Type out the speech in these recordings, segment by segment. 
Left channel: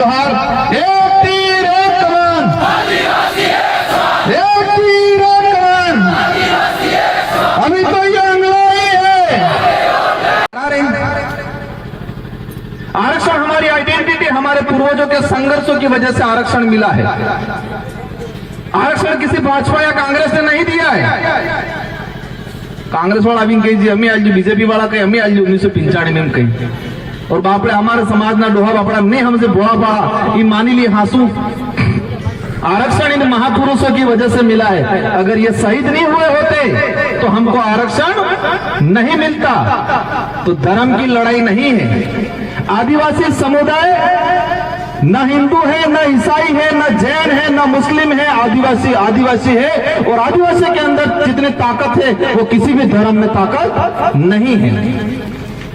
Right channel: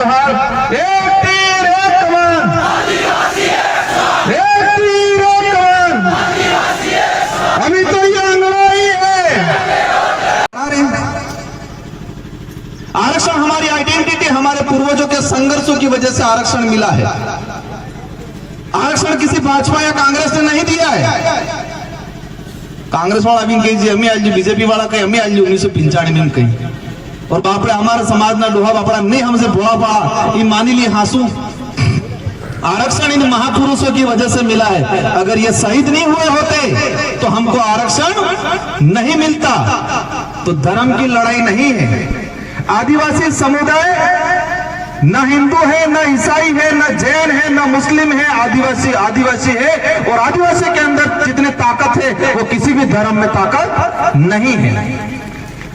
एक तीर एक कमान, एक तीर एक कमान। अभी तो ये अंग्रेजी है। आरक्षण हमारी आइडेंटिटी, हमारे पूर्वजों के संघर्षों की वजह से आरक्षण मिला है। आरक्षण किसी भाजपा या कांग्रेस ने नहीं दिया है। कांग्रेस वाला भी कही अमी आज बीजेपी वाला कही अमी आज 1995 में कही, और बापड़े हमारे समाज ना डोहा बापड़ा नहीं हमसे बोला पड़ा ये मानी ली हासू। आरक्षण इन महापुरुषों की वजह से मिला है। अगर ये शहीद नहीं हुए होते तो हमको आरक्षण नहीं मिलता। तो धर्म की लड़ाई नहीं है। आदिवासी समुदाय न हिंदू है, न ईसाई है, न जैन है, न मुस्लिम है। आदिवासी आदिवासी है, और आदिवासी के अंदर जितनी ताकत है वो किसी भी धर्म में ताकत नहीं है।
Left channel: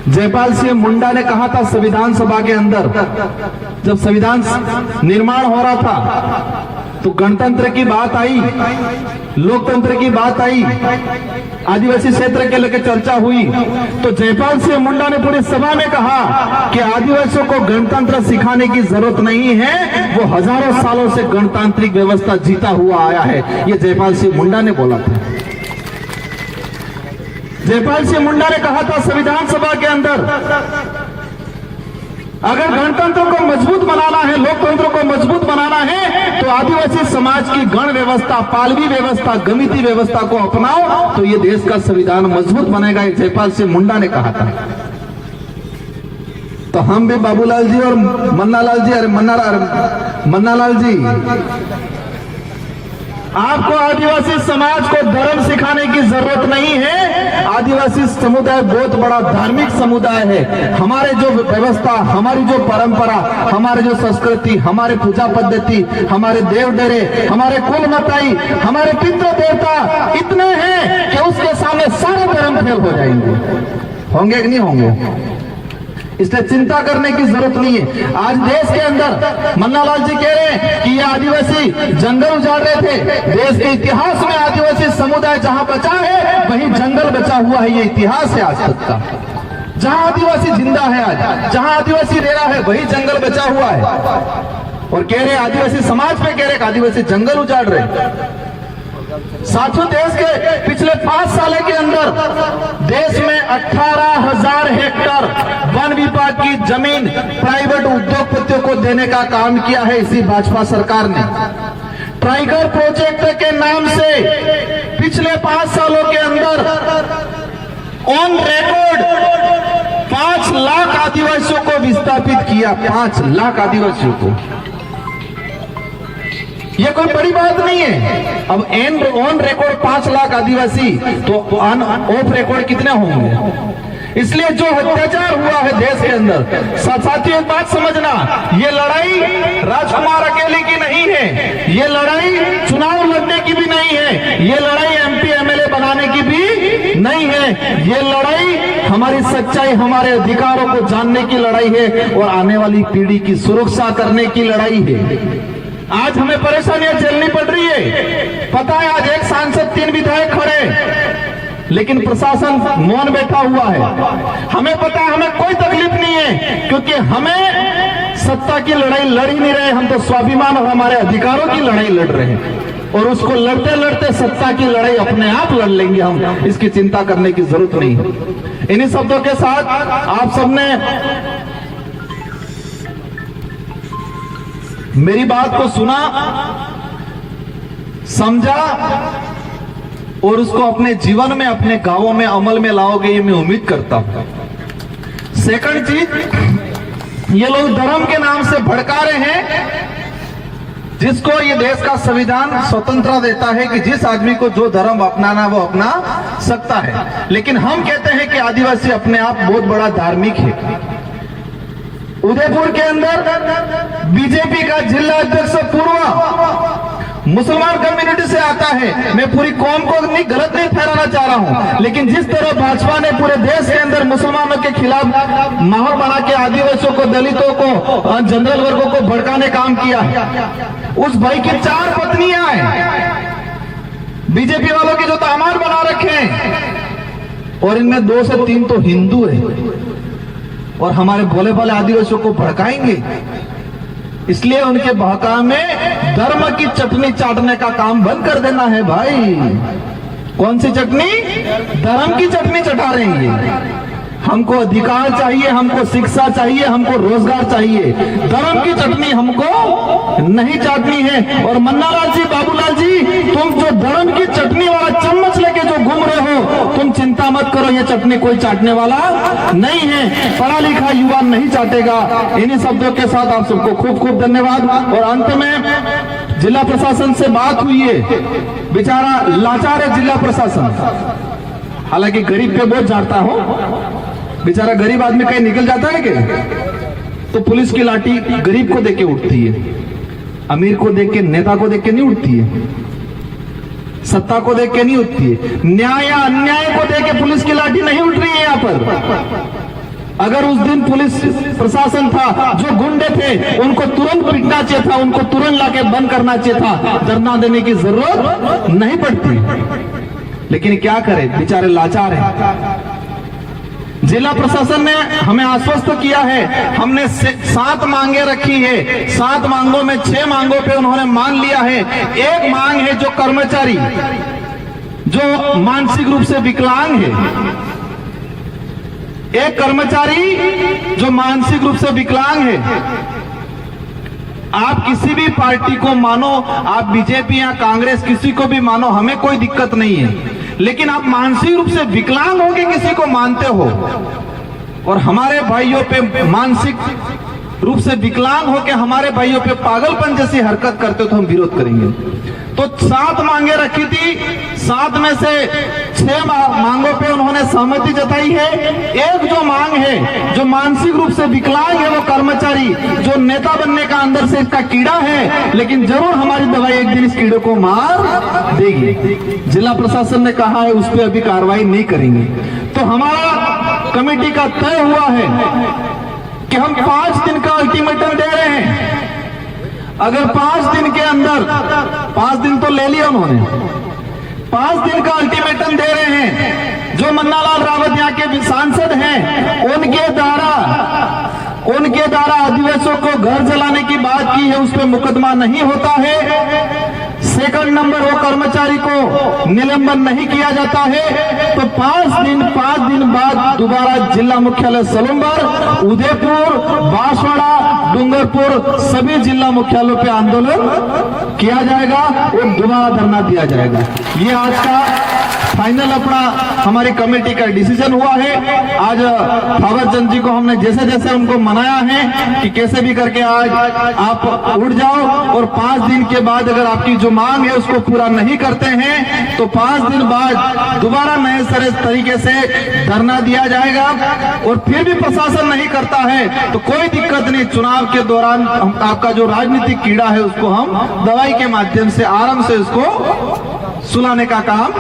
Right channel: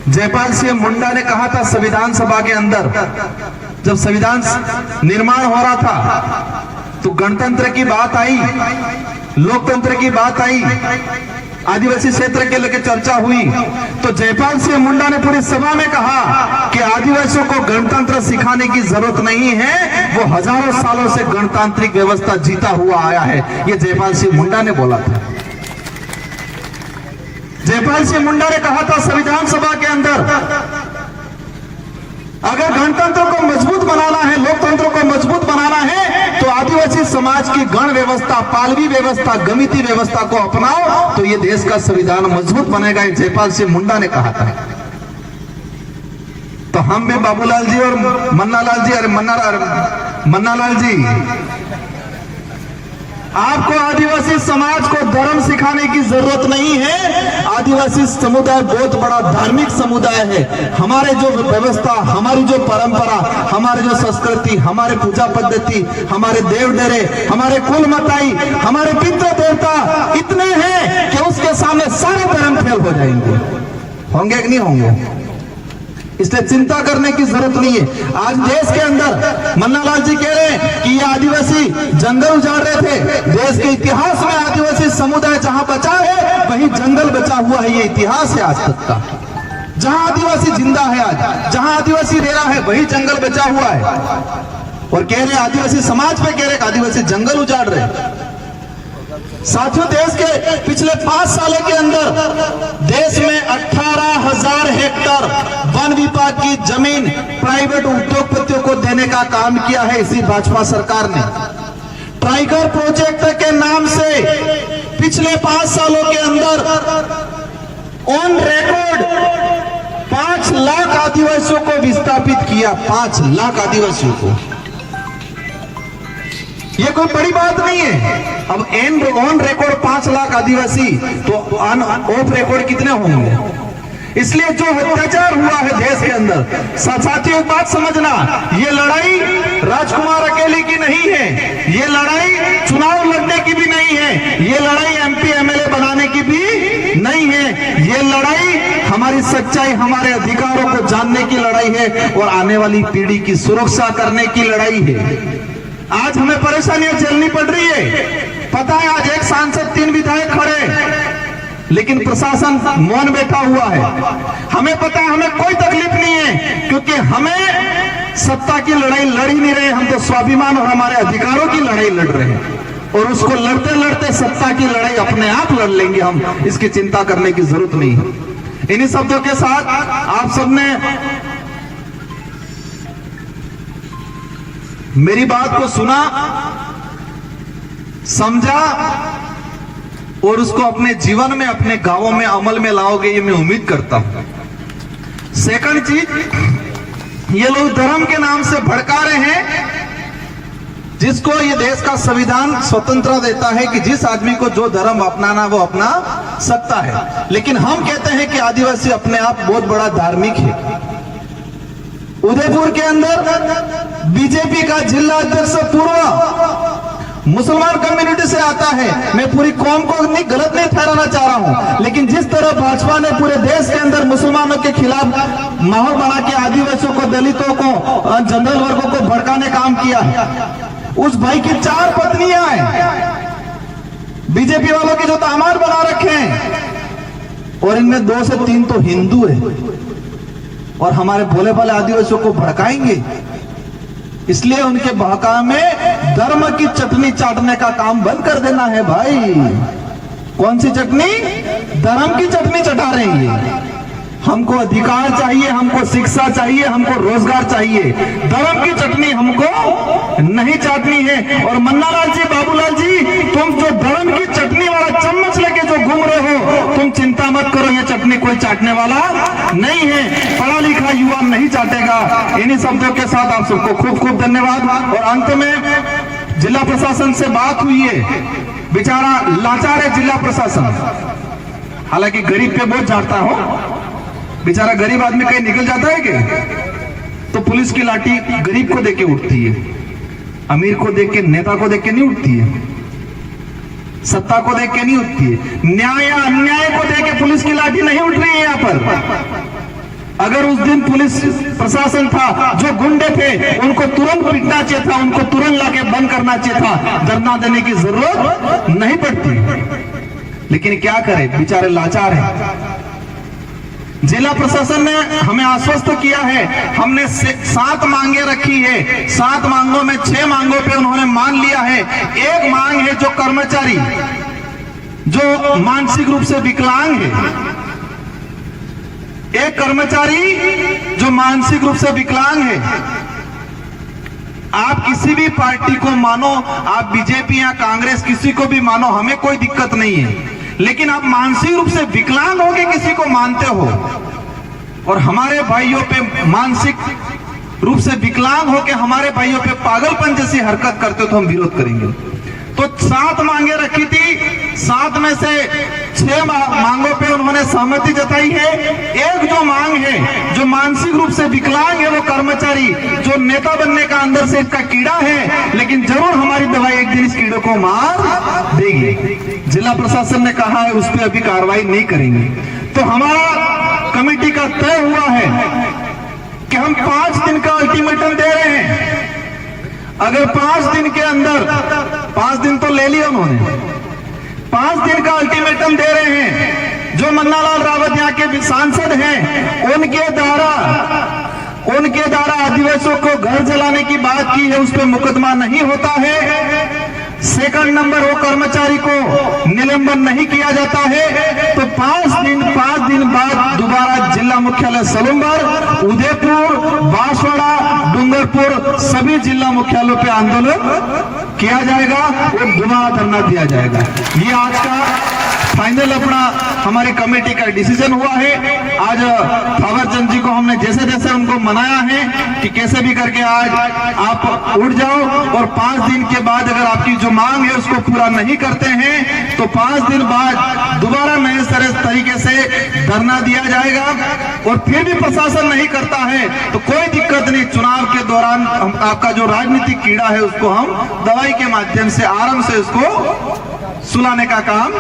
जयपाल सिंह मुंडा ने कहा था संविधान सभा के अंदर, जब संविधान निर्माण हो रहा था तो गणतंत्र की बात आई, लोकतंत्र की बात आई, आदिवासी क्षेत्र के लेकर चर्चा हुई। तो जयपाल सिंह मुंडा ने पूरी सभा में कहा कि आदिवासियों को गणतंत्र सिखाने की जरूरत नहीं है, वो हजारों सालों से गणतांत्रिक व्यवस्था जीता हुआ आया है। ये जयपाल सिंह मुंडा ने बोला था। जयपाल सिंह मुंडा ने कहा था संविधान सभा के अंदर, अगर गणतंत्र को मजबूत बनाना है, लोकतंत्र को मजबूत बनाना है तो आदिवासी समाज की गण व्यवस्था, पालवी व्यवस्था, गमिति व्यवस्था को अपनाओ तो ये देश का संविधान मजबूत बनेगा। जयपाल सिंह मुंडा ने कहा था। तो हम भी बाबूलाल जी और मन्नालाल जी, अरे मन्नालाल जी, आपको आदिवासी समाज को धर्म सिखाने की जरूरत नहीं है। आदिवासी समुदाय बहुत बड़ा धार्मिक समुदाय है। हमारे जो व्यवस्था, हमारी जो परंपरा, हमारे जो संस्कृति, हमारे पूजा पद्धति, हमारे देव डेरे, हमारे कुल मताई, हमारे पितृ देवता इतने हैं कि उसके सामने सारे धर्म फेल हो जाएंगे। होंगे कि नहीं होंगे? इसलिए चिंता करने की जरूरत नहीं है। आज देश के अंदर मन्नालाल जी कह रहे हैं कि ये आदिवासी जंगल उजाड़ रहे थे। देश के इतिहास में आदिवासी समुदाय जहां बचा है वहीं जंगल बचा हुआ है। ये इतिहास है आज तक का। जहां आदिवासी जिंदा है, आज जहां आदिवासी रह रहा है वही जंगल बचा हुआ है। और कह रहे हैं आदिवासी समाज पे कह रहे आदिवासी जंगल उजाड़ रहे। साथियों, देश के पिछले 5 साल के अंदर देश में 18,000 हेक्टेयर वन विभाग की जमीन प्राइवेट उद्योगपतियों को देने का काम किया है इसी भाजपा सरकार ने। टाइगर प्रोजेक्ट के नाम से पिछले 5 सालों के अंदर ऑन रिकॉर्ड 5 लाख आदिवासियों को विस्थापित किया। 5 लाख आदिवासियों को। ये कोई बड़ी बात नहीं है। अब ऑन रिकॉर्ड 5 लाख आदिवासी, तो ऑफ रिकॉर्ड कितने होंगे? इसलिए जो अत्याचार हुआ है देश के अंदर, साथियों एक बात समझना, ये लड़ाई राजकुमार अकेले की नहीं है। ये लड़ाई चुनाव लड़ने की भी नहीं है। ये लड़ाई एमपी एमएलए बनाने की भी नहीं है। ये लड़ाई हमारी सच्चाई, हमारे अधिकारों को जानने की लड़ाई है और आने वाली पीढ़ी की सुरक्षा करने की लड़ाई है। आज हमें परेशानियां झेलनी पड़ रही है। पता है आज एक सांसद 3 विधायक खड़े, लेकिन प्रशासन मौन बैठा हुआ है। हमें पता है हमें कोई तकलीफ नहीं है, क्योंकि हमें सत्ता की लड़ाई लड़ ही नहीं रहे। हम तो स्वाभिमान और हमारे अधिकारों की लड़ाई लड़ रहे हैं, और उसको लड़ते लड़ते सत्ता की लड़ाई अपने आप लड़ लेंगे हम। इसकी चिंता करने की जरूरत नहीं है। इन्हीं शब्दों के साथ आप सबने मेरी बात को सुना, समझा और उसको अपने जीवन में, अपने गांवों में अमल में लाओगे, ये मैं उम्मीद करता हूं। सेकंड चीज, ये लोग धर्म के नाम से भड़का रहे हैं, जिसको ये देश का संविधान स्वतंत्रता देता है कि जिस आदमी को जो धर्म अपनाना वो अपना सकता है। लेकिन हम कहते हैं कि आदिवासी अपने आप बहुत बड़ा धार्मिक है। उदयपुर के अंदर बीजेपी का जिला अध्यक्ष पूर्व मुसलमान कम्युनिटी से आता है। मैं पूरी कौम को गलत नहीं ठहराना चाह रहा हूं, लेकिन जिस तरह भाजपा ने पूरे देश के अंदर मुसलमानों के खिलाफ माहौल बना के आदिवासियों को, दलितों को, जनरल वर्गों को भड़काने काम किया, उस भाई की 4 पत्नियां हैं। बीजेपी वालों के जो दामाद बना रखे हैं, और इनमें 2 से 3 तो हिंदू है, और हमारे भोले भाले आदिवासियों को भड़काएंगे। इसलिए उनके बहकावे में धर्म की चटनी चाटने का काम बंद कर देना है भाई। कौन सी चटनी? धर्म की चटनी चटा रहे हैं ये। हमको अधिकार चाहिए, हमको शिक्षा चाहिए, हमको रोजगार चाहिए, धर्म की चटनी हमको नहीं चाटनी है। और मन्नालाल जी, बाबूलाल जी, तुम जो धर्म की चटनी वाला चम्मच लेके जो घूम रहे हो, तुम चिंता मत करो, ये चटनी कोई चाटने वाला नहीं है, पढ़ा लिखा युवा नहीं चाटेगा। इन्हीं शब्दों के साथ आप सबको खूब खूब धन्यवाद। और अंत में जिला प्रशासन से बात हुई है, बेचारा लाचार है जिला प्रशासन, हालांकि गरीब पे बहुत झाड़ता हो, बेचारा गरीब आदमी कहीं निकल जाता है क्या? तो पुलिस की लाठी गरीब को देके उठती है, अमीर को देख के, नेता को देख के नहीं उठती है, सत्ता को देख के नहीं उठती है, न्याय या अन्याय को देख के पुलिस की लाठी नहीं उठ रही है यहाँ पर। अगर उस दिन पुलिस प्रशासन था, जो गुंडे थे उनको तुरंत पीटना चाहिए था, उनको तुरंत लाके बंद करना चाहिए था, धरना देने की जरूरत नहीं पड़ती। लेकिन क्या करें, बेचारे लाचार हैं। जिला प्रशासन ने हमें आश्वस्त किया है, हमने 7 मांगे रखी है, 7 मांगों में 6 मांगों पे उन्होंने मान लिया है। एक मांग है जो कर्मचारी जो मानसिक रूप से विकलांग है, एक कर्मचारी जो मानसिक रूप से विकलांग है, आप किसी भी पार्टी को मानो, आप बीजेपी या कांग्रेस किसी को भी मानो, हमें कोई दिक्कत नहीं है, लेकिन आप मानसिक रूप से विकलांग होके किसी को मानते हो और हमारे भाइयों पे मानसिक रूप से विकलांग होके हमारे भाइयों पे पागलपन जैसी हरकत करते हो तो हम विरोध करेंगे। तो 7 मांगे रखी थी, 7 में से 6 मांगों पे उन्होंने सहमति जताई है। एक जो मांग है, जो मानसिक रूप से विकलांग है, वो कर्मचारी जो नेता बनने का अंदर से इसका कीड़ा है, लेकिन जरूर हमारी दवाई एक दिन इस कीड़े को मार देगी। जिला प्रशासन ने कहा है उस पर अभी कार्रवाई नहीं करेंगे। तो हमारा कमेटी का तय हुआ है कि हम 5 दिन का अल्टीमेटम दे रहे हैं। अगर 5 दिन के अंदर, 5 दिन तो ले लिया उन्होंने, 5 दिन का अल्टीमेटम दे रहे हैं। जो मन्नालाल रावत यहाँ के सांसद हैं, उनके द्वारा आदिवासियों को घर जलाने की बात की है, उस पर मुकदमा नहीं होता है। सेकंड नंबर, वो कर्मचारी को निलंबन नहीं किया जाता है। तो 5 दिन बाद दोबारा जिला मुख्यालय सलूमबर, उदयपुर, बांसवाड़ा, डूंगरपुर सभी जिला मुख्यालयों पे आंदोलन किया जाएगा और दोबारा धरना दिया जाएगा। ये आज का फाइनल अपना हमारी कमेटी का डिसीजन हुआ है। आज थावरचंद जी को हमने जैसे जैसे उनको मनाया है कि कैसे भी करके आज आप उठ जाओ और 5 दिन के बाद अगर आपकी जो मांग है उसको पूरा नहीं करते हैं तो 5 दिन बाद दोबारा नए तरीके से धरना दिया जाएगा। और फिर भी प्रशासन नहीं करता है तो कोई दिक्कत नहीं, चुनाव के दौरान आपका जो राजनीतिक कीड़ा है उसको हम दवाई के माध्यम से आराम से उसको सुलाने का काम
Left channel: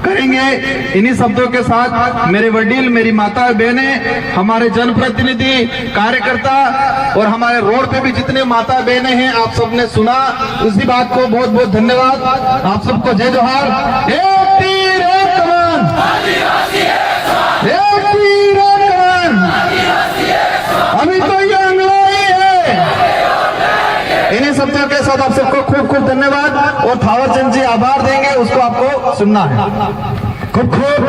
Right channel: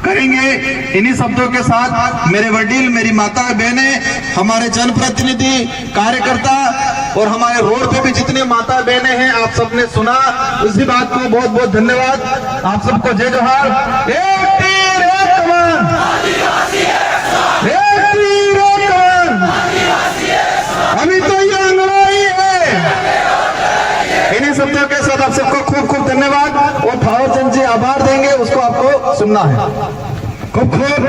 करेंगे। इन्हीं शब्दों के साथ मेरे वडील, मेरी माता बहनें, हमारे जनप्रतिनिधि, कार्यकर्ता और हमारे रोड पे भी जितने माता बहनें हैं, आप सबने सुना, इसी बात को बहुत बहुत धन्यवाद। आप सबको जय जोहार। एक तीर एक कमान, एक तीर एक कमान, अभी तो ये अंगड़ाई है। इन्हीं शब्दों के साथ आप सबको खूब खूब धन्यवाद। और थावरचंद जी आभार देंगे, उसको आपको सुनना है। खूब खूब